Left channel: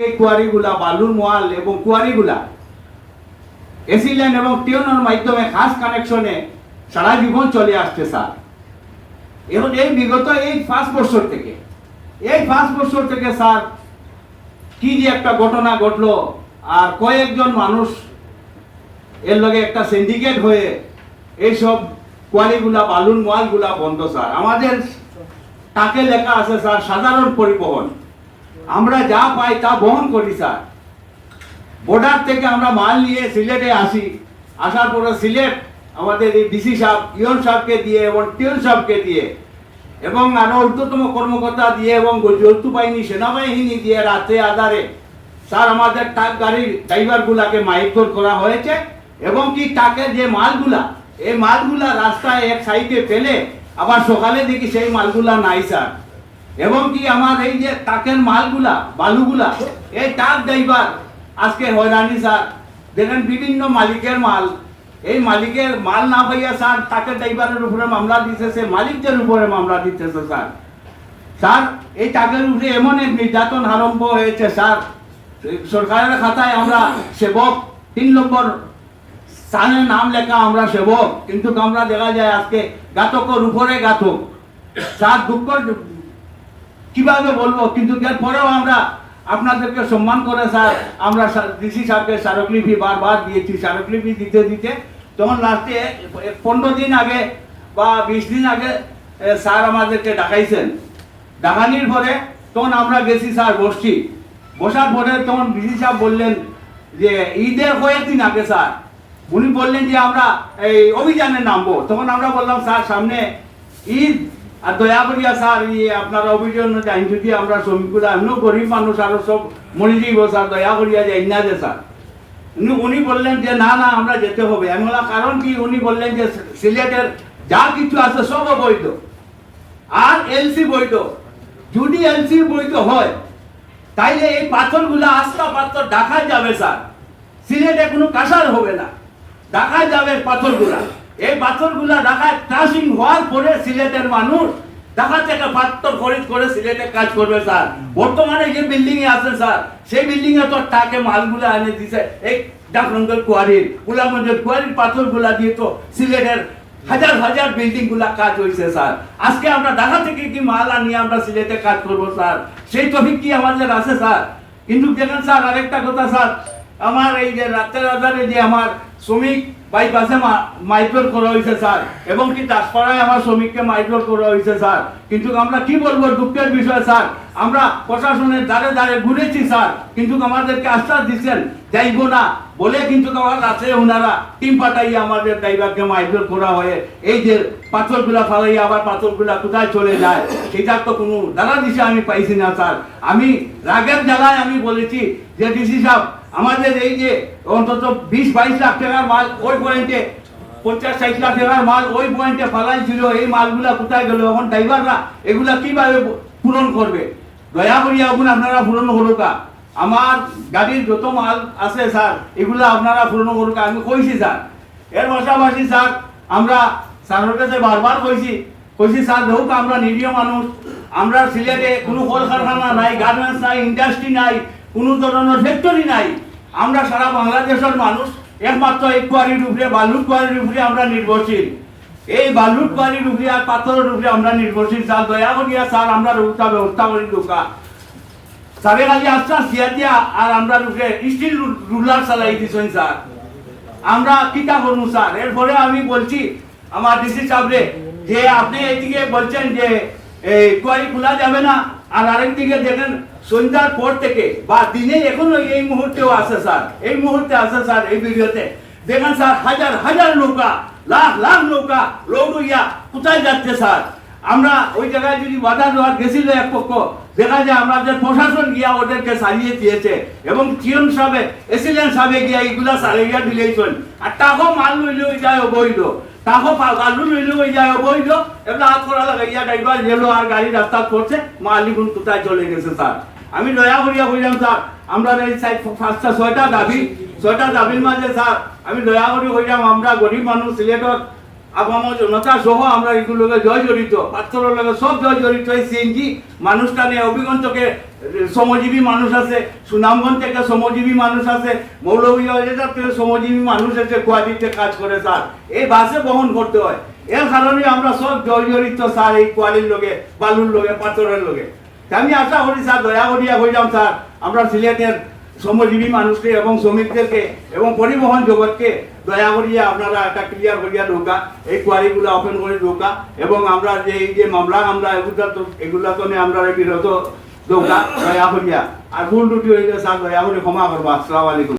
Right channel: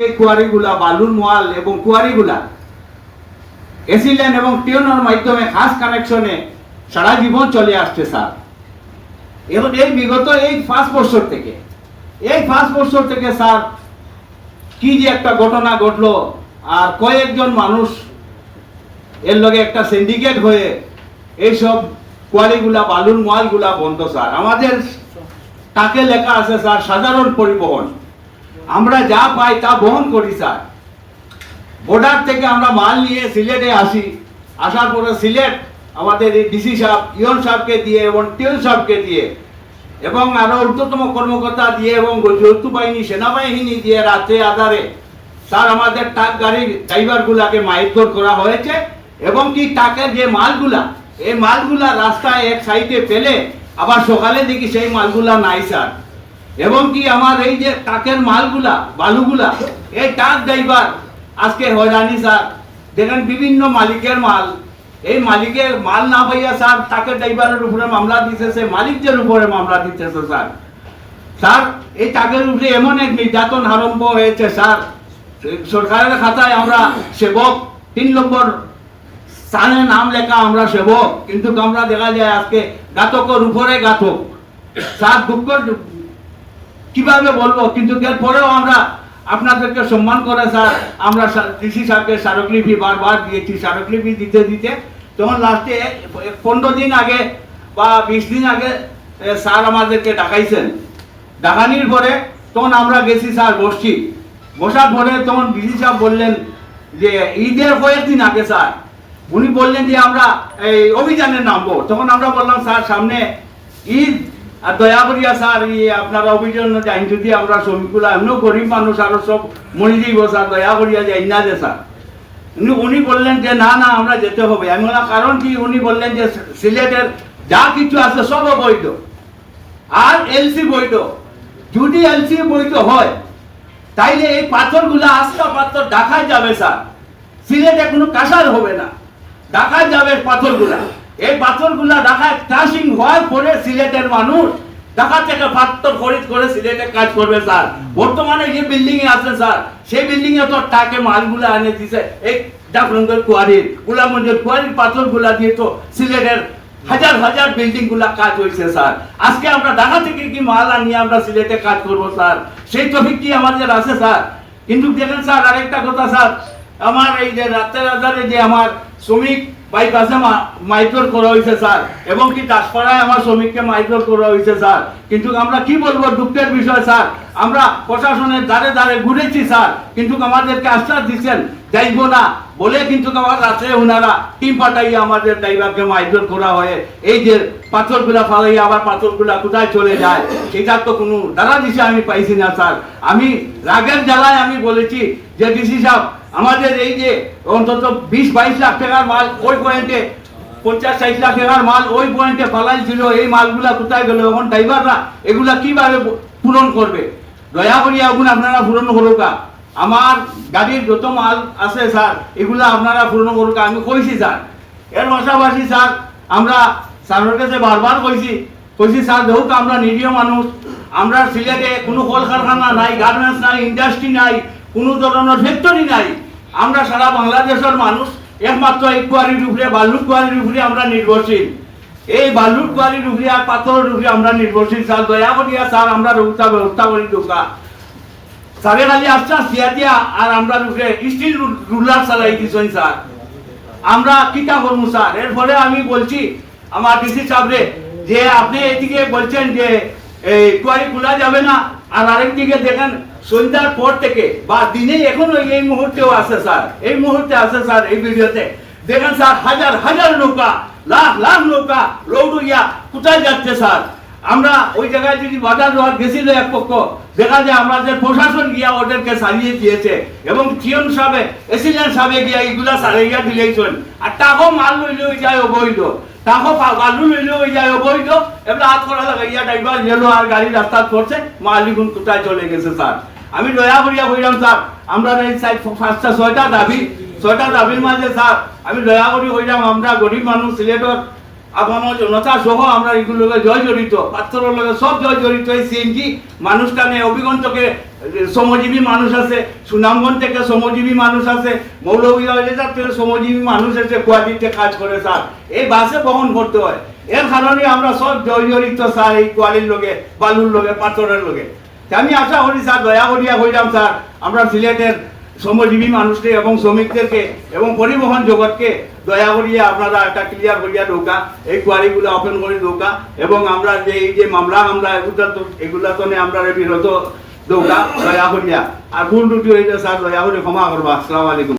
কুয়ারিগুলা, বালুর মোয়াল এবং কুয়ারিগুলা এসিলেন এবং টিউনের মাধ্যমে খাস কানেকশনে সারা জীবন চলে আসছে, স্যার। এবং এই বিগত এই পাঁচ বছর থেকে, এই পাঁচ বছর থেকে, স্যার, কি যে একটা ঘটনা ঘটলো, আর কয়েকজন মানুষ এর লগে একটা সিন্ডিকেট হয়ে এইসব কোয়ালিগুলা বালুর মালগুলা বন্ধ, স্যার। আমাদের তাকে লেখা আছে, স্যার, সাধারণ পরিবহন। আমরা যা পাই তা বহন করি, স্যার। বর্ডার থেকে আমরা মাল নিয়ে সিলেটে আসি। আসার পরে সিলেট আমাদের এই ডিসি সাহেব, ইয়ন সাহেবকে দিয়ে এবং টিউন সাহেবকে দিয়ে এবং আরও ঊর্ধ্বতম কর্মকর্তা দিয়ে এবং যৌথ বাহিনী, সেনাবাহিনী দিয়ে রাতে আধারে, স্যার, আমাদের ট্রাক গাড়ির ড্রাইভারগুলাকে মাইকর করা হয়েছে এবং কি ট্রাকের যে মালগুলা, এই মালগুলা রাস্তায় এক সাইডে ফেলে আবার সকালে দেখি সেই মালগুলা নাই, স্যার। এবং কি আমার এই যে ট্রাকের মালগুলা, বালুগুলা, এই ট্রাক ড্রাইভার আজকে হয়রানি স্যার। দেখেন বিভিন্ন মালিকের মাল। এই মালিকের মাল না পাইয়া স্যার ট্রাকের ড্রাইভারের উপরে মামলা দিতেছে মালিকদের উপরে মামলা দিতেছে স্যার। স্যার, এই টাকের উপরে এমন এক নির্যাতন আরম্ভ হয়েছে স্যার। সরকারের খাতায় আমরা সেবক, তিন নম্বর স্থানে নাম লেখা আমরা সেবক, কিন্তু আমরা দেখা যায় আজকে ঘাতকের উপরে ঘাতক। স্যার, দুঃখ কীভাবে বলব? কিন্তু এরপরেও আমরা আপনাদেরকে সম্মান করে, স্যার, আমরা ডিসি স্যারকে স্মারকলিপি বারবার দিয়েছি। স্মারকলিপি দিতে দিতে তখন লাস্টে পনেরো দিন আগে বা বিশ দিন আগে স্যার আমাদেরকে ডাকাইছেন। ডাকানির পরে তখন আমরা গেছি, স্যার, বসছি। বসার পরে তখন ডিসি সাহেব বললেন যে, ঈদের কয়েকদিন আগে, স্যার, উনি বললেন যে আমরা এই অভিযানে নামবো। তখন আমরা বললাম, স্যার, সামনে ঈদ আর দয়া করিয়া স্যার ইয়ে আপনারা অভিযান যাই যদি আমরা শ্রমিকগুলো এমনও গরিব মানুষ আরও সব মরে যাইব, স্যার, দয়া করিয়া যাই না যে, স্যার। উনি বললেন যে, না না, আমরা যেতে হবে। আমি বললাম কারণ কি? উনি বললেন যে, সিলেটের যা কিছু আছে সব বৈধ আর এলসি বৈধ। যদি এলসি বৈধ হয়, তাইলে এই পাথরগুলো আস্তা পাথর ঢাকা যাবে, স্যার। সিলেটে কোনো কাঁসার হবে না। ঢাকা যাবে পাথরগুলা। এই পাথরগুলা ঢাকায় ক্রাশিং হওয়ার পরে সিলেটের মানুষ থেকে পাথর খরিদ করে সিলেটে কাজ করবে, স্যার। বর্তমানে যে বিল্ডিং এ আছে স্যার, সেই বিল্ডিং এ তো টাকে মালগুলা এনে দিছে। এই ডাকরঙ্গের কুয়ারির পাথরগুলা দিয়ে তো সিলেটের হাজার হাজার বিল্ডিংগুলা কাজ হয়েছে স্যার। আজকে আমরা ঢাকা থেকে কি মাল আনিয়ে আমরা সিলেটে কাজ করব, স্যার? সেই টপিক কি আমাদের আছে, স্যার? কিন্তু দেখেন, স্যার, আরেকটা কথা, স্যার। আমার এই যে রাতের আধারে যে আমার শ্রমিক বাইপাসে মাইক্রোর করা হয়েছে স্যার। এবং কি দাসপাড়ায় আমার শ্রমিককে মাইক্রোর করা হয়েছে স্যার। কিন্তু আমরা কি বলব দুঃখের বিষয়, স্যার? আমরা প্রশাসনের দ্বারে দ্বারে ঘুরেছি, স্যার। কিন্তু আমাদেরকে আশ্বাস দিচ্ছেন, যাইব না। বলে কিন্তু আমার রাত্রে ওনারা টিম পাঠাইয়া আমাদের ড্রাইভারকে মাইক্রোর করা হয়। এই যে পাথরগুলা ফালাইয়া আবার পাথরগুলা কোথায় চলে যায়, সেটার তো কোনো দাদা দিছে আমি পাইছি না, স্যার। আমি রাগের জ্বালায় আমি বলেছি যে ডিসি সাহেব আমাদের এই যে অন্তত বিশ, বাইশ লাখ টাকার মাল, ওই পয়েন্টে পঞ্চাশ, ষাট লাখ টাকার মাল, ওই পয়েন্টে ফালাই ছিল এই মালগুলা কোথায় গেল? এখন ড্রাইভাররা এগুলা কীভাবে পূরণ করবে? দয়া করি এখন আপনারা পূরণ করুকা আমার গাড়ির যত মাল আছে স্যার, এগুলা আপনারা পূরণ করুকা আমি কইছি, স্যার। এর পাশাপাশি, স্যার, আমরা স্যারের কাছে বারবার কইছি কইছি, স্যার হোক আমরা নিরীহ মানুষ। আমরা সিলেটে কোনো কলকারখানা নাই, গার্মেন্টস নাই, ইন্ডাস্ট্রি নাই, কোনো ধরনের ফ্যাক্টরি নাই। আমরা সারা বাংলাদেশের মানুষ একমাত্র এই কুয়ারির উপরে বালুর কুয়ারির উপরে আমরা নির্ভরশীল। এই বালুর কুয়ারির উপরে আর পাথরের উপরে আমরা নির্ভরশীল। স্যার, দয়া করিয়া স্যার, আমরা রৌতা ব্যবস্থা করি ঢোকা। স্যারে খালি আশ্বাস দিয়া দিয়া আর আমরা উপরে স্টিল রুলার চালাই দিছেন স্যার। আমরা কিতা করব স্যার? এরপরে আমি বলছি, আমার ডিসি সাহেবরে যে আপনি এদিকে বলছেন যে, এই কুয়ারি খোলা যাবে না আর আরেক দিকে দেখেন, সন্ধ্যার পর থেকে বা দিনে এখনও এই মুহূর্তেও আছে স্যার। এই মুহূর্তে আছে স্যার এই ভিডিওতে। দেখেন স্যার, হাজার হাজার নৌকা, লাখ লাখ নৌকা রৌডুইয়া কোথায় যাচ্ছে স্যার। আমরা ওই জায়গায় যদি বাধা দেওয়ার গেছিল এক পক্ষ, দেখা যায় আমাদের প্রশাসন গিয়া ওদেরকে সারিয়ে দিয়েছে এবং চিয়ন সাহেবে এসিলেন্ট সাহেবে গিয়া এগুলা সারিয়া দিলেইছেন। আর টাকাও মাল লইলে ওই যায় অবৈধ। টাকাও বালু লইলে ওই যায় অবৈধ। এবার হাত করা লাগাইয়া ড্রাইভার গেলো আর গাড়ি রাস্তা করছে, মালিগুন কোথায় চলে গেছে স্যার? আমি দয়া করিয়া বললাম, স্যার, আমরা এই সাইড পাঁচটা, ছয়টা দাবি, ছয়টা দাবির মাঝে, স্যার, আমি দয়া করি হইলাম আমরা গরিব মানুষ, সিলেটর আপামর জনতা সহ আমরা এগুলোকে জয় জড়িত পাত্রের লগে সব জয় জড়িত এই সিএনজি। মানুষটানে অভিগন্তকে, শ্রমজীবী মানুষ আছে, সুনামগঞ্জ থেকে শ্রমজীবী মানুষ আছে, মৌলভীবাজার থেকে শ্রমজীবী মানুষ আছে কোয়ালিটিতে কাজ করে স্যার। এই বাসে বহন করতে হয়। এর কারণে আমরা সব জয় জড়িত স্যার এই কোয়ালির লোকে বালুর লোকে পাথরের লোকে আমি আশা করি স্যার, দয়া করিয়া কইলাম স্যার, আমরা সিলেটের শ্রমজীবী মানুষকে এবং শ্রমিকদেরকে এবং পরিবহন জগৎকে দয়া করিয়া আপনারা একটা ক্লিয়ার করিয়া ঢোকা এই কোয়ারিগুলো ওপেন করে ঢোকা এবং আমরা যে এই যে মামলা মামলা এগুলা তো এগুলা তো নে আমরা বিরত দৌড়া দয়া করিয়া। আর ভুল ত্রুটি হয়েছে স্যার দয়া করে ক্ষমা করবা। আসসালামু আলাইকুম।